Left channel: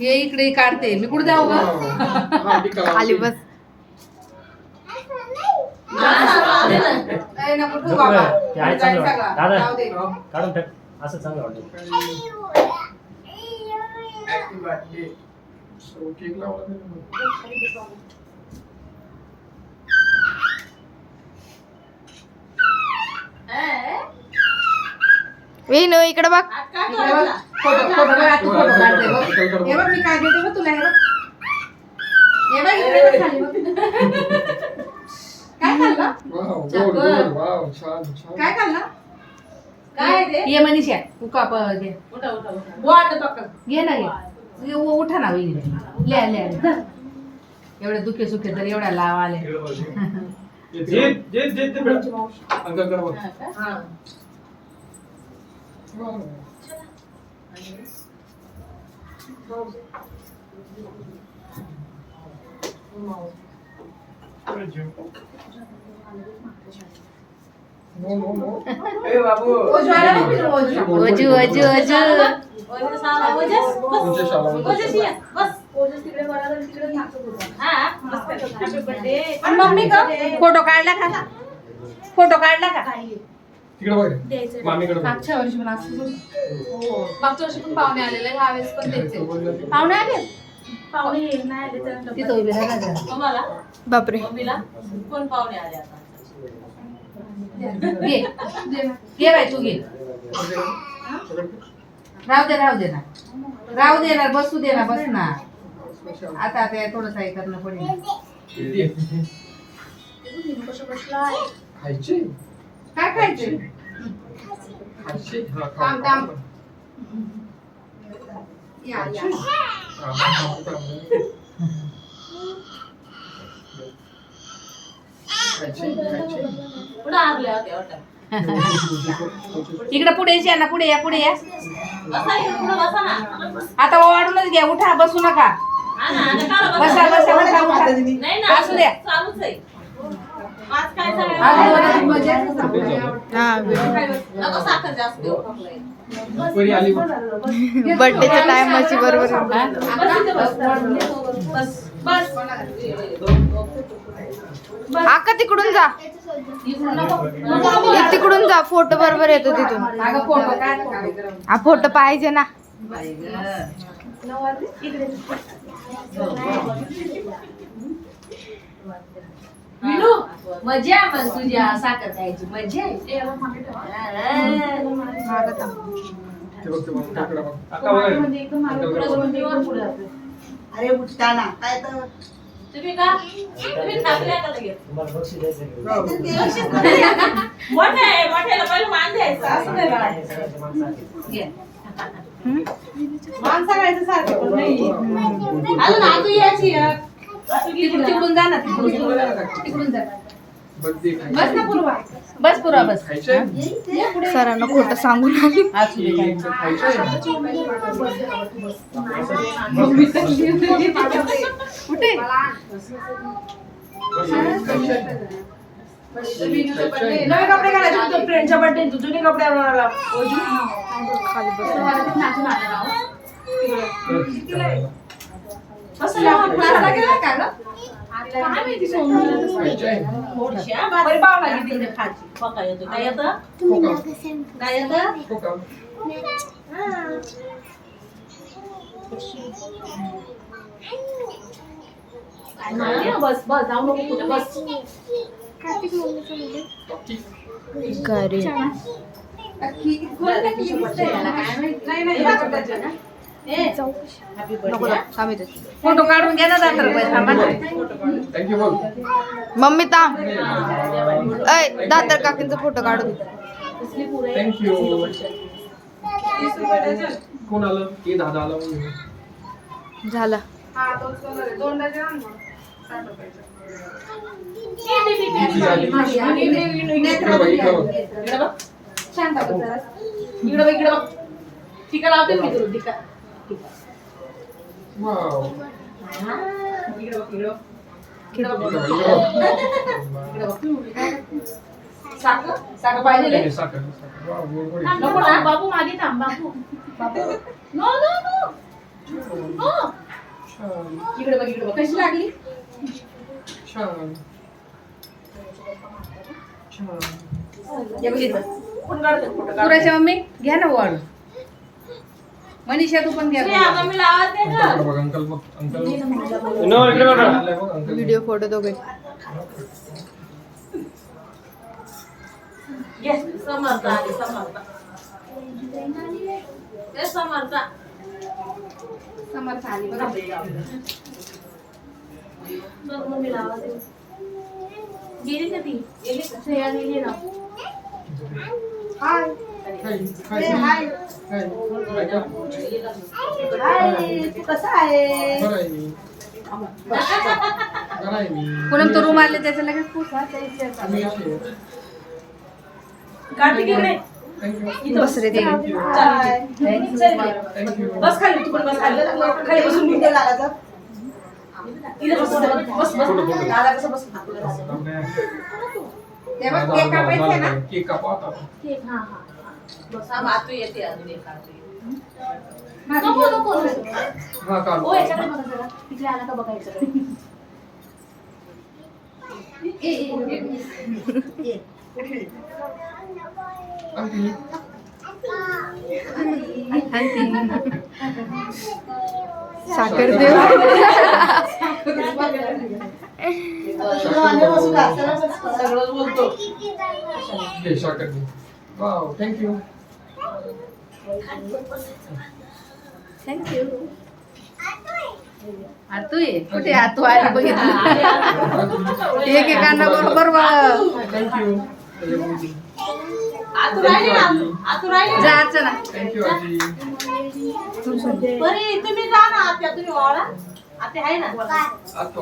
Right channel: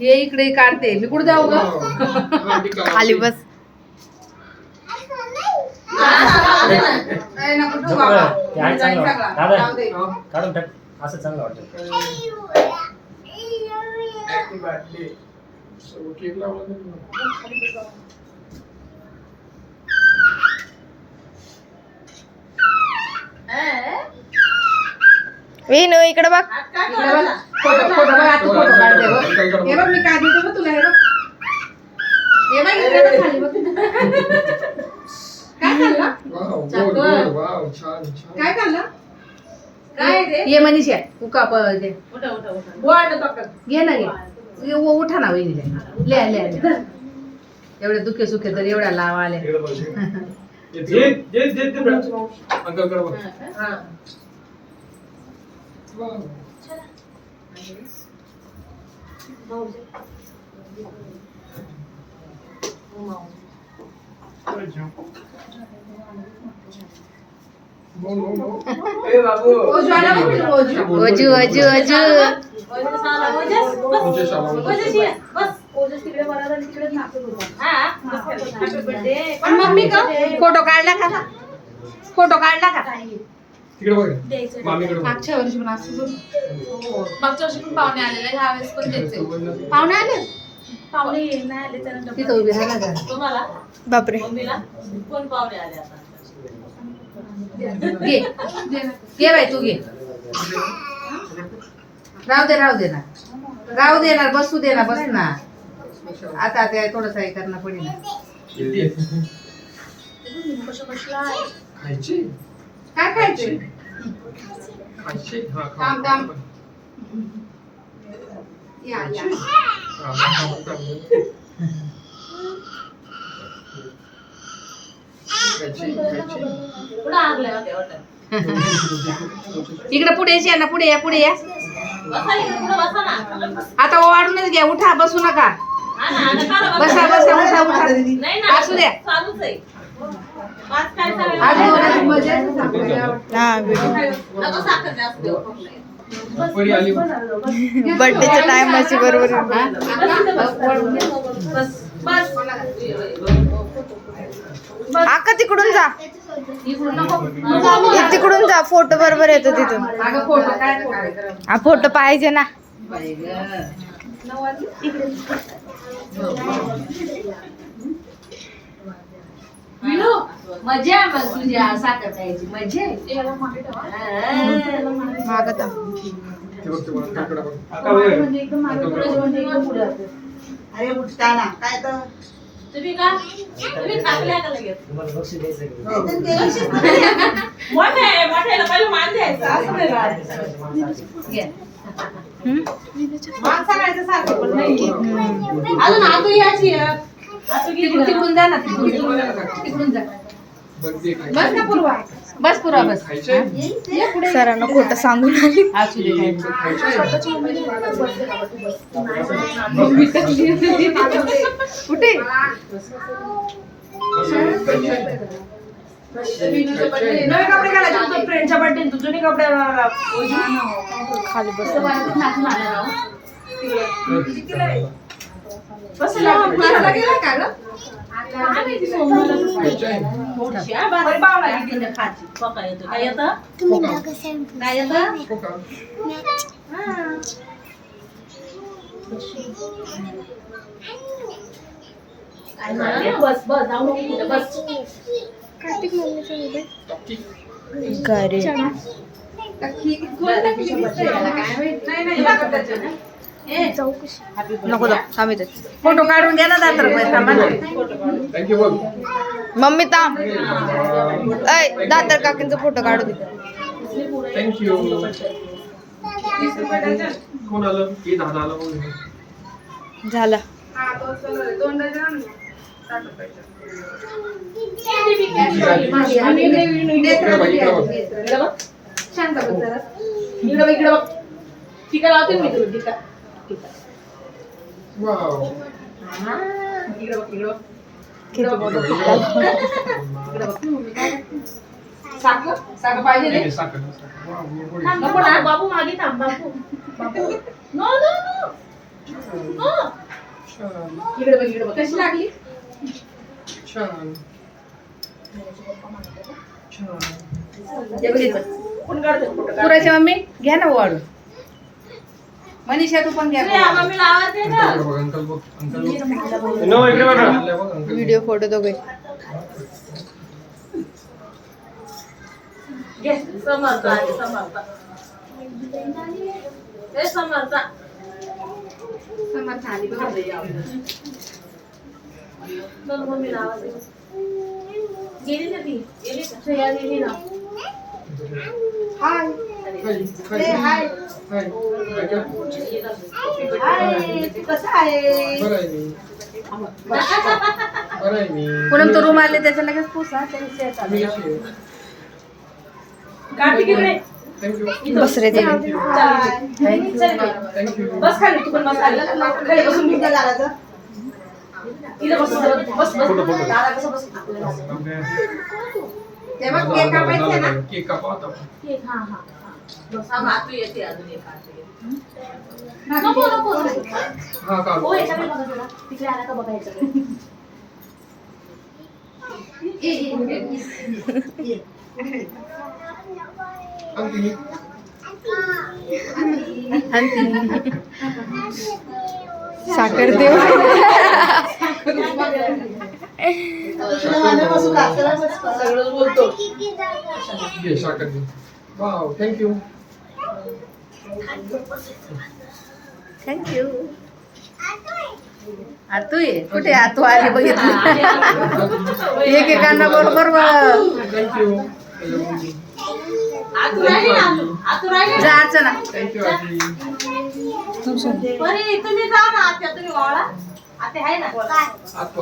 हे इकडे काढते मी कुठे जाऊ ग खाली बस नको ठेवू बाबा जाईल सगळा. जाऊ दे. काढून टाक असं चांगलं वाटतं वेणू इकडे बघ इकडे बघ. फोटो बघ आता फोटो काढते बघ. हे बघ मी काय देते बघ तुला हे बघ इकडे बघ खाली बघ. काय खाल्लं काय खाल्लं काय ते ये मनीषा उका घे घे ना घे उठा ना वहिनी ले एवढे दुखे सुखे तर एवढ्या लाव आले ओजू ओजू ओजू मम्मी का फोटो काढला का फोटो काढला का मागच्या वर्षी पण असं मागच्या वर्षी पण पाहुणे आलेले ह्या वेळेस पण द्यायचे पाहुणे आले पाहुणे नाही आले त्यानंतर तिथं उभी राहा ना तुम्हाला बापरे कोण पाहुणे आले आता घे घे बाई तू घे राहू दे ना बसू दे ना बस ना आता ते थोडंसं हे करणं पडेल काय खायचे थांब या इकडे पुढे ना पुढे या आता वाढूनच घ्या उठा बसू नका बसा उठा असू द्या बर्थडेच्या टायमाची बरोबर आका तिकडून जा तिकडून जा फोटो बरोबर येतो तिथून हा फोटो पाहिजे ना मजा मग तुझ्या साखर खायची मजा अरे उठता ना काय तर तुम्ही टाकल्या का लगेच तुम्हाला बक्षीस द्यायचं मोठ्याला पहिलं मान द्यायचं असं नाही मान सगळ्याचं सारखं पण नाही अजून आतू याची तिकडून जा ना तिकडून जा बस ना पूर्वा बस सरांना खोटं सांगून आली असू दे कुठे नवे कपडे घालायचे फ्रेंडच्या बर्थडे तू जुने कपडे खाली बस जाऊ नको बस कार्तिक मम्मीचा मोबाईल नको फोटो काढून घ्या ना दातर मम्मी थांब दातर काकींचा फोटो काढू दे झाला शांत इकडे बघ टीका लावते मी तुला टीका साखर पाहिजे बाबू मागे थांब बाबू नो इकडे बघ इकडे बघ कशी लागली पुराच्या मम्मी घ्या ना वाढून मनीषा तू पण घ्या व्हिडिओ फोटो दोघे समर्थ आली बघा गेली ना ती श्रेया गेली ना हाय हाय हाय तू कसा आहे पूनम तो रूम आले त्याचा लगेच पुसा बस रे बस खाली तू पण बस खाली बसून घेऊन लागायचं इला बस दादा कसं बस तेव्हा केक कापायचा ना केक कापा केक हा बस हा मातू येते अजून एक नको हा काढ ओ याच्याकडे बघा जरा तिकडे आला का बघायचं साखर देऊ सगळं बोलतो वाव थँक्यू थँक्यू आतू ये कुठे आतू आली बघितली एकेकांना बरोबर थँक्यू आतू राहिली ना आतू राहिली जा अर्चना थँक्यू आजी बरी तुम्ही जा ना आत्या तुम्ही वाळा आत्या आहे ना आत